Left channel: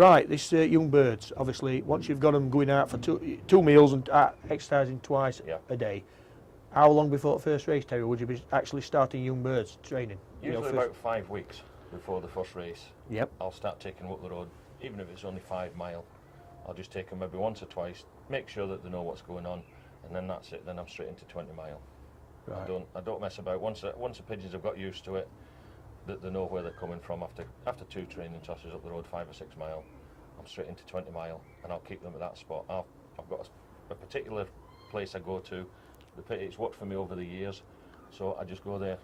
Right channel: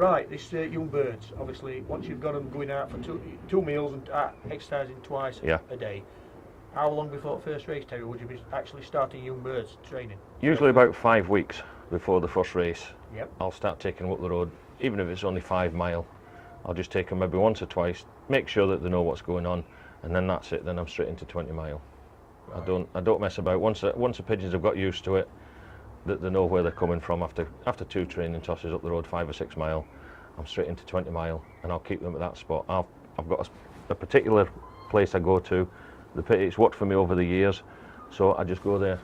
Right, this young birds, obviously, once you've got them going out for two meals and exercising twice a day, how long before the first race, Terry, would you be actually starting young birds training? Usually about 5 weeks before the first race. Yep. I'll start taking them up the road, even if it's only 5 mile. I'll just take them maybe once or twice, make sure that they know what's going on, and then that's it. Then I'm straight into 20 mile. Right. I don't mess about. Once the pigeons have got used to it, that they know where they're coming from after 2 training tosses up the road, 5 or 6 mile, I'm straight into 20 mile, and I'll keep them at that spot. I've got a particular place I go to. It's worked for me over the years, so I just go there,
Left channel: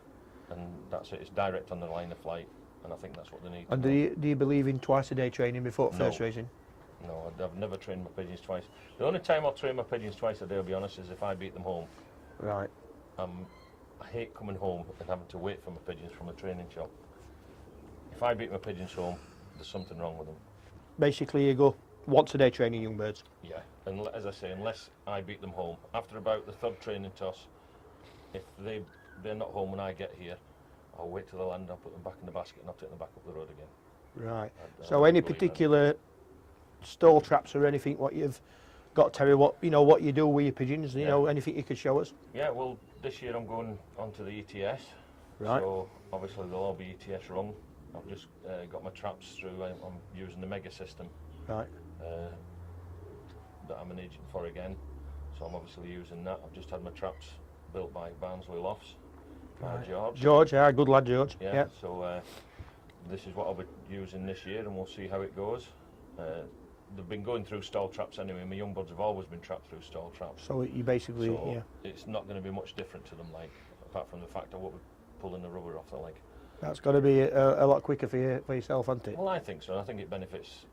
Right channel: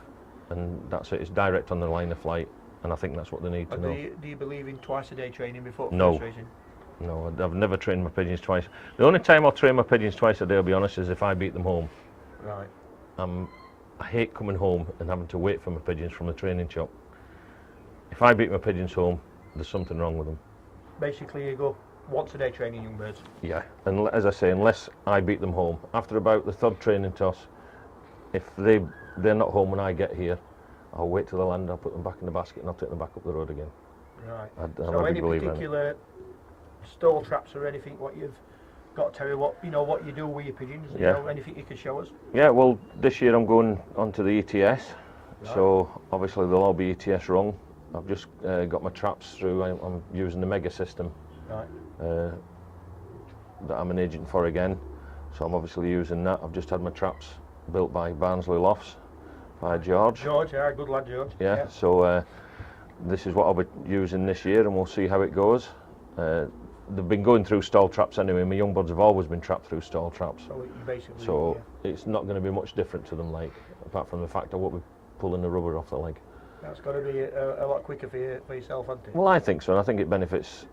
and that's it. It's direct on the line of flight, and I think that's what they need to know. And do you believe in twice a day training before first racing? No, I've never trained my pigeons twice. The only time I'll train my pigeons twice a day, I'll be honest, is if I beat them home. Right. I hate coming home and having to wait for my pigeons from the training shop. If I beat my pigeons home, there's something wrong with them. Basically, you go once a day training young birds. Yeah, and as I say, unless I beat them home. After about the 3rd training toss, if they're not home when I get here, I'll wait till they land, I'll put them back in the basket, and I'll take them back up the road again. Right. So any particular stall traps or anything what you've got, Terry, what you do with your pigeons, you know, anything you could show us? Yeah, well, this year I'm going onto the ETS, so obviously they'll all be ETS rung. I've just got my traps through. I'm using the Mega system that I'm an agent for again, so I'm obviously using that. I've just had my traps built by Barnsley Lofts by George. George, yeah, good lad, George. Yeah. So this is what I'll be using this year, and we'll see how it goes. They've been going through stall traps anyway. My young birds have always been trapped through stall traps. So you basically, it's not going to be much different to them, like, apart from the fact I won't be pulling the rubber off the leg. That's got to be a lot quicker for yourself, hasn't it? Well, I think so, and I think it benefits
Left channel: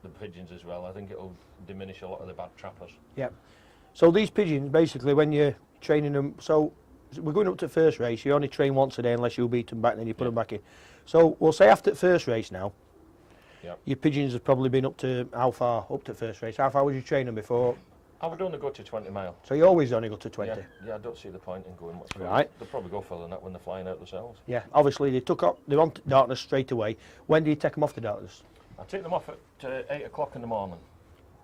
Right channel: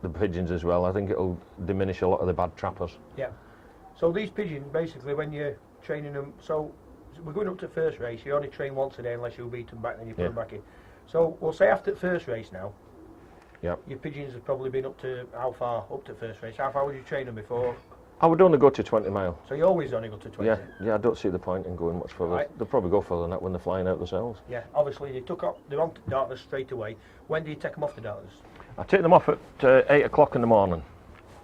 the pigeons as well. I think it'll diminish a lot of the bad trappers. Yeah. So these pigeons, basically, when you're training them, so we're going up to first race, you only train once a day unless you beat them back, then you put them back in. So we'll say after the first race now, your pigeons have probably been up to how far? Up to first race. How far would you train them before? I would only go to 20 mile. So you always only go to 20? Yeah, I don't see the point in going much further. They'll probably go further than that when they're flying out themselves. Yeah, obviously they're on darkness straight away. When do you take them off the darkness? I take them off at 8 o'clock in the morning,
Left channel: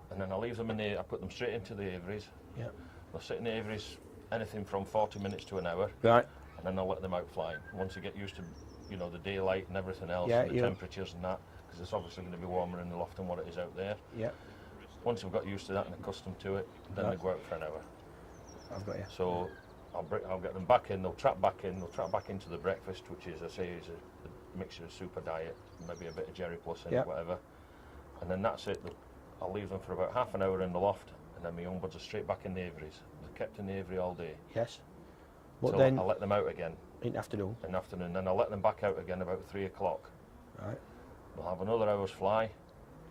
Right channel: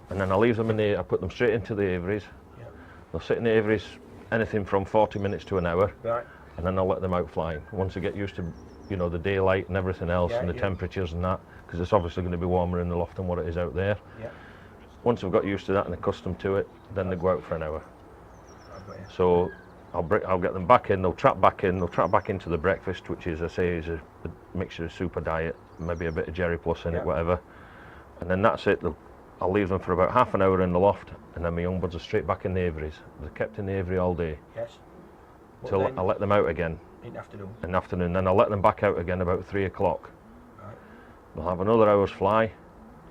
and then I leave them I put them straight into the aviaries. Yeah. They'll sit in the aviaries anything from 40 minutes to an hour. Right. And then I'll let them out flying. Once they get used to, the daylight and everything else, and the temperatures and that, because it's obviously going to be warmer in the loft than what it is out there. Yeah. Once they've got used to that and accustomed to it, then they go out for an hour. So I'll get them back in, they'll trap back into the breakfast, which is, I say, is a mixture of super diet, maybe a bit of Jerry Plus in it, whatever. And then that's it. I'll leave them for about half an hour in the loft, and then my young birds are straight back in the aviaries. They're kept in the aviary all day. Yes. So I'll let them out again. In the afternoon? In the afternoon. Then I'll let them back out again about 3 o'clock. Right. They'll have another hour's fly.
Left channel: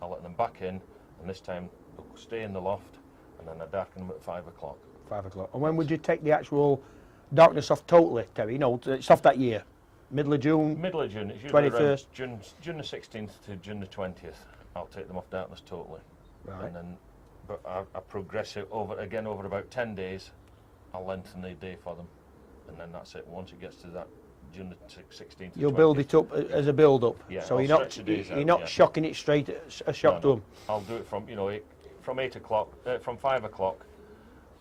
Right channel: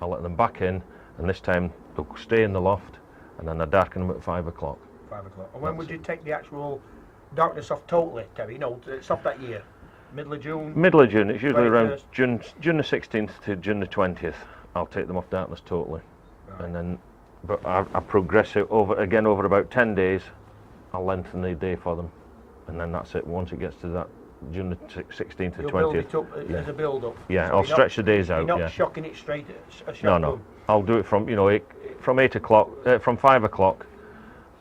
I'll let them back in, and this time they'll stay in the loft, and then I darken them at 5 o'clock. 5 o'clock. And when would you take the actual darkness off totally, Terry? It's off that year. Middle of June? Middle of June. It's usually 21st. Around June the 16th to June the 20th. I'll take them off darkness totally. Right. And then, but I progress it over about 10 days. I'll lengthen the day for them, and then that's it. Once it gets to that June the 16th to 20th. You'll build it up as a build-up. Yeah, so I'll stretch the days out. You're not shocking it straight a shot done. I'll do it from 8 o'clock, from 5 o'clock.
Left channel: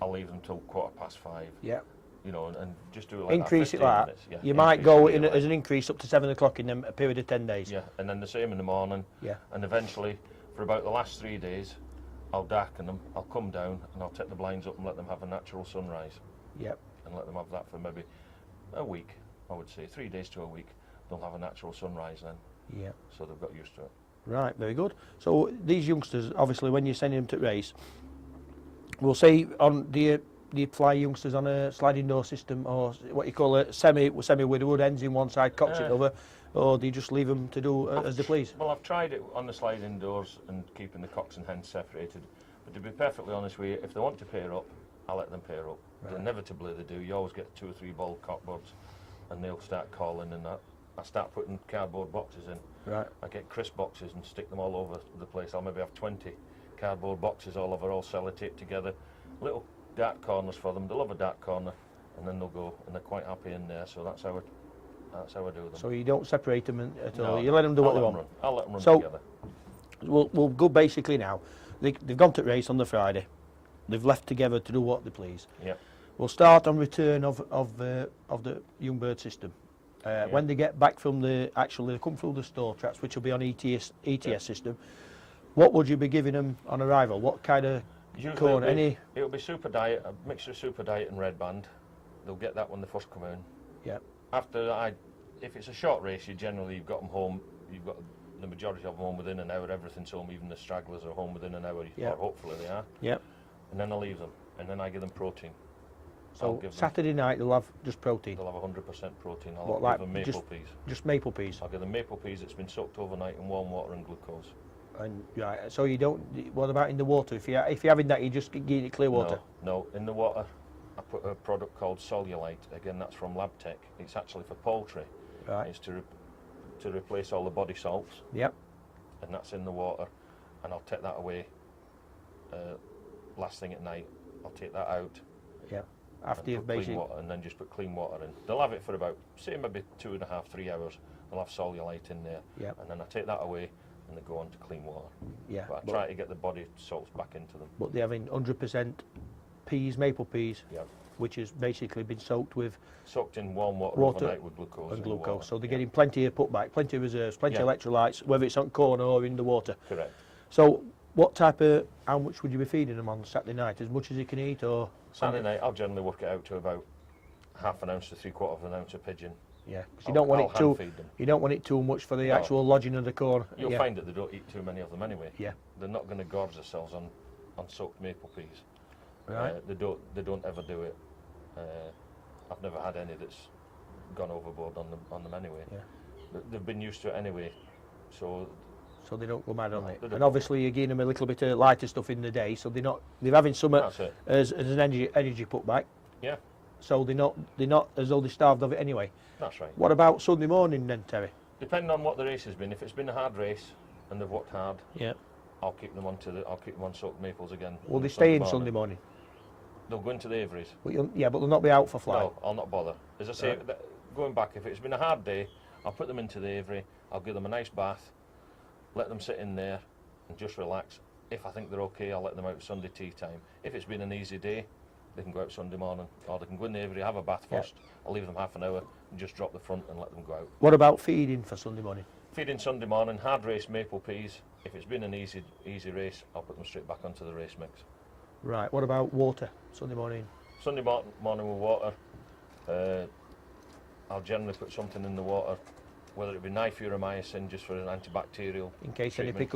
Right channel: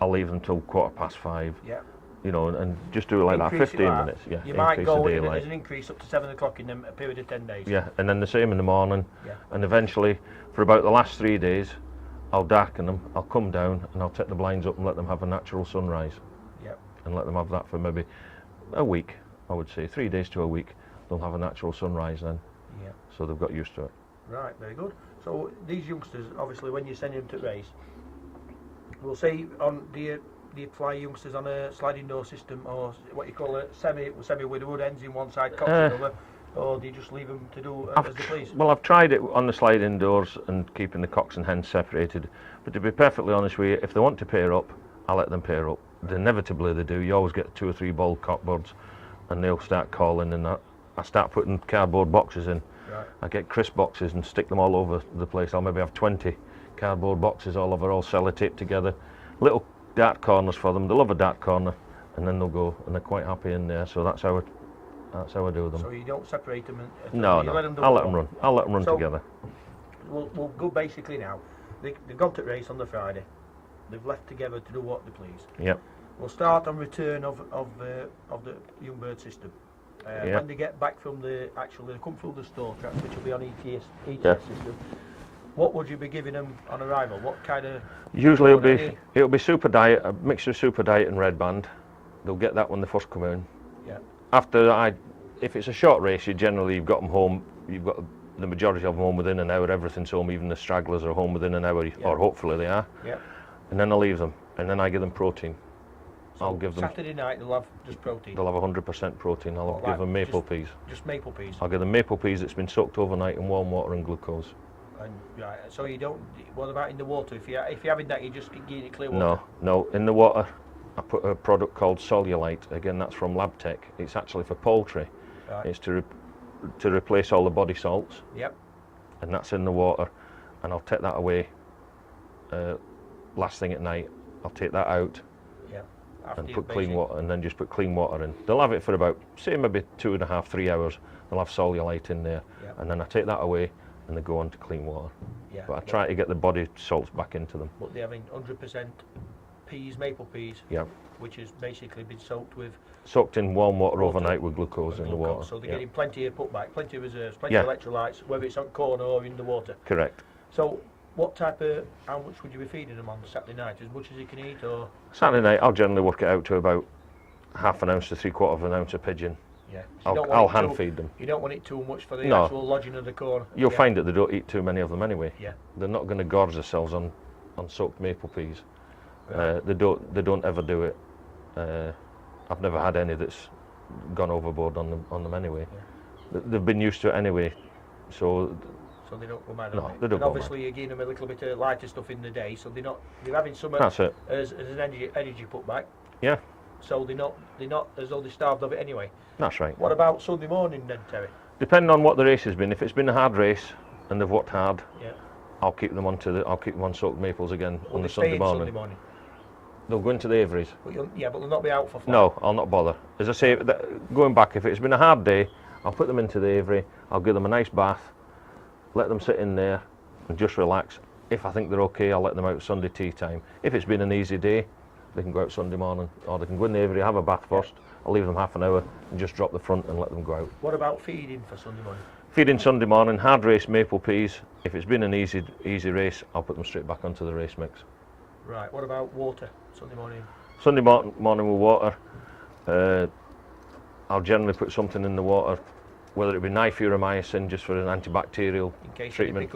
I'll leave them till 5:15. Yeah. And just do it like that, 15 minutes. Yeah. You might go as an increase up to 7 o'clock in a period of 10 days. Yeah, and then the same in the morning. Yeah. And eventually, for about the last 3 days, I'll darken them. I'll come down and I'll take the blinds up and let them have a natural sunrise. Yeah. And let them have that for maybe a week. I would say 3 days to a week. They'll have a natural sunrise then. Yeah. So they've got used to it. Right, very good. So these youngsters, obviously, when you're sending them to race, we'll say do you fly youngsters on a sliding door system, or what you call a semi with wood ends in one side, cocks in the other, or do you just leave them to do as they please? Well, I've tried it on the sliding doors and keeping the cocks and hens separated. But to be perfectly honest with you, if they want to pair up, I'll let them pair up. Right. Inevitably they do. You always get 2 or 3 bald cockbirds, and they'll start calling, and I start putting cardboard boxes in. Right. I get crisp boxes and stick them all over the place. I'll maybe have 20 cardboard boxes all over, all sellotaped together. Little dart corners for them. They love a dart corner, and then they'll go, and they're quite happy in there. So that's how I do them. So you don't separate them? No, you let them do I'll let them run. I'll let them run together. we'll go basically now. They've gone to race on the Friday. They've left together to do what they please. Yep. We'll start on return of the young bird system. When they get back from they come through the store traps, which will be on ETS system. What would you be giving them on arrival? What kind of? Usually it'll be super diet, a mixture of super diet and red band. They'll get that when they first come in. Yeah. After if it's a short race, you've got them home. You've got the majority of them home within an hour. Everything's home, even the stragglers are home within an hour, or hopefully they are. Yeah. And then I leave them, and then I give them protein. So I'll give them Saturday night they'll have just protein. They'll have 100% protein. I'll give them maple peas. Just maple peas. I'll give them maple peas that's been soaked overnight in warm water and glucose. And right, so you don't. What about in the water? If you're having that, you just get it clear water. No. In the water, I put a product called Solulite. Again, that's from LabTech. It's actually for poultry. Right. It's to replace all the body salts. Yep. And that's in the water, and I'll take that away. Last thing at night, I'll take that out. Yeah. And put clean water, and then just put clean water in. They'll have it for about, say, maybe 2.5, 3 hours. They'll have Solulite in there, and then I take that away, and they go on to clean water. Yeah. But I try to get the body salts back into them. But they're having 100% peas, maple peas. Yeah. Which has basically been soaked in warm water overnight with glucose in the water. So they're getting plenty of putback, plenty of reserves, plenty of electrolytes, whether it's on corn or in the water. Correct. So how much would you be feeding them on Saturday night? As much as you can eat, or? Saturday night, I'll generally work it out to about 1/2 ounce to 3/4 ounce of pigeon. Yeah. I'll hand feed them. You don't want it too much for the actual lodging of the corn. You'll find that they don't eat too many of them anyway. Yeah. They're not going to gorge themselves on soaked maple peas. Right. They don't ever do it. I've never had any that's gone overboard on them anyway. Yeah. They've been used to it anyway, so they don't go mad on it. They don't and go obviously you're giving them a little bit of lighter stuff in the day, so they're having some as an energy putback. Yeah. So they're not as though they're starved of it anyway. That's right. What about Sunday morning then, Terry? Depending on what the race has been. If it's been a hard race and they've worked hard, I'll keep them on soaked maples again on the Sunday morning. Sunday morning? They'll go into the aviaries. But they'll not be out for flight. No, I'll not bother. As I say, going back, if it's been a hard day, I'll put them into the aviary, I'll give them a nice bath, let them sit in there and just relax. If I think they're okay, I'll let them out Sunday tea time. If it's been an easy day, they can go out Sunday morning, or they can go in the aviary, have a bath first. I'll leave them 1/2 hour and just drop the front and let them go out. What about feeding for Sunday morning? Feeding Sunday morning, hard race maple peas. If it's been an easy race, I'll put them straight back onto the race mix. Right, what about water Sunday morning? Sunday morning with water, I'll generally put something in the water, whether it be nifuromycin just for an antibacterial in case treatment.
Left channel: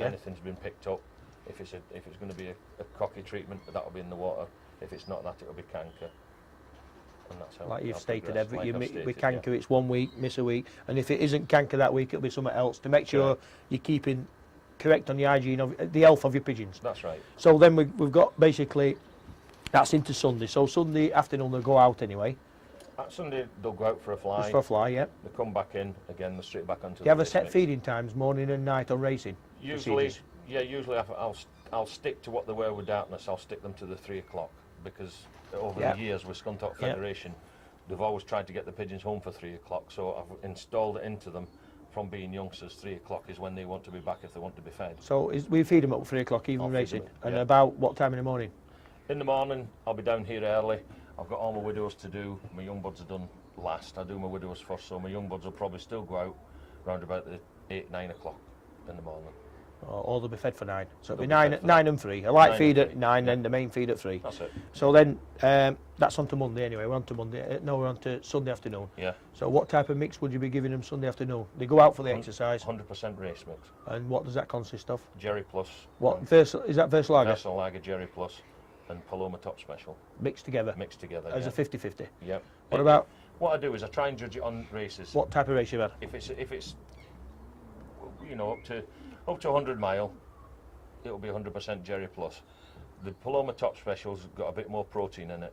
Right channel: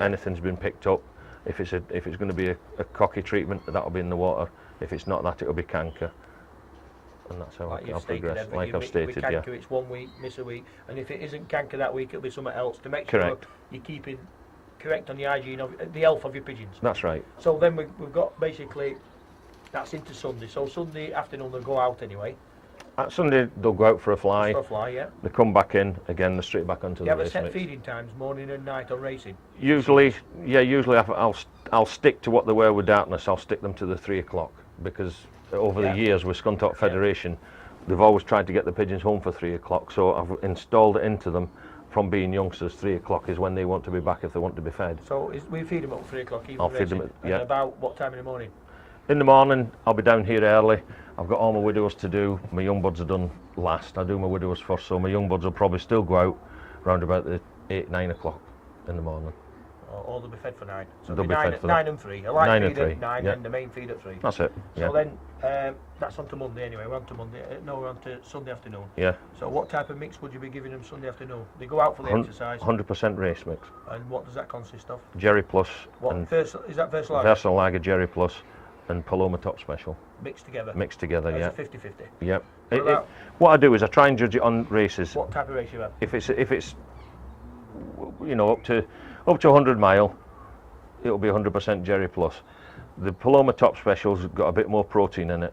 Anything's been picked up. If it's going to be a cocky treatment, that'll be in the water. If it's not that, it'll be canker. And that's how I'll progress. Like I've stated, with canker, it's 1 week, miss a week, and if it isn't canker that week, it'll be something else to make sure you're keeping correct on the hygiene of the health of your pigeons. That's right. So then we've got basically that's into Sunday. So Sunday afternoon they'll go out anyway. Sunday they'll go out for a fly. For a fly, yeah. They come back in again. They're straight back onto the race mix. You have a set feeding times, morning and night on racing. Usually, I'll stick to what they were with darkness. I'll stick them to the 3 o'clock because over the years with Scunthorpe Federation, they've always tried to get the pigeons home for 3 o'clock. So I've installed it into them. From being youngsters, 3 o'clock is when they want to be back if they want to be fed. So we feed them at 3 o'clock even I'll feed them and about what time in the morning? In the morning, I'll be down here early. I've got all my widowers to do. My young buds are done last. I do my widowers first, so my young buds will probably still go out around about the 8, 9 o'clock in the morning. Or they'll be fed for 9. So they'll be be 9 and 3. A light feed at 9 and the main feed at 3. That's it. So then that's on to Monday anyway. We're on to Monday. No, we're on to Sunday afternoon. Yeah. So what type of mix would you be giving them Sunday afternoon? They go out for the exercise. 100% race mix. And what does that consist of? Jerry Plus. Is that Versa Lager? Versa Lager, Jerry Plus, and Paloma Top Special. Mixed together? Mixed together, yeah. It's a 50-50? Yep. What I do is I try and judge it on races. What type of race you have? If it's up to 100 mile, it'll be 100% Jerry Plus. The Paloma Top Special's got a bit more protein in it.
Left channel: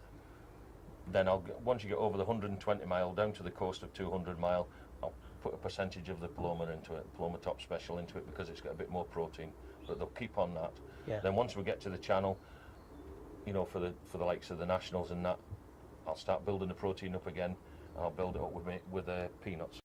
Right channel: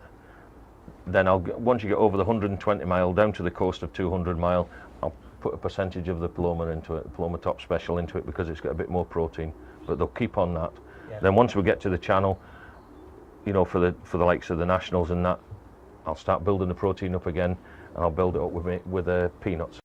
Then once you get over the 120 mile down to the coast of 200 mile, I'll put a percentage of the Paloma into it, the Paloma Top Special into it, because it's got a bit more protein. But they'll keep on that. Yeah. Then once we get to the channel, for the likes of the nationals and that, I'll start building the protein up again, and I'll build it up with peanuts.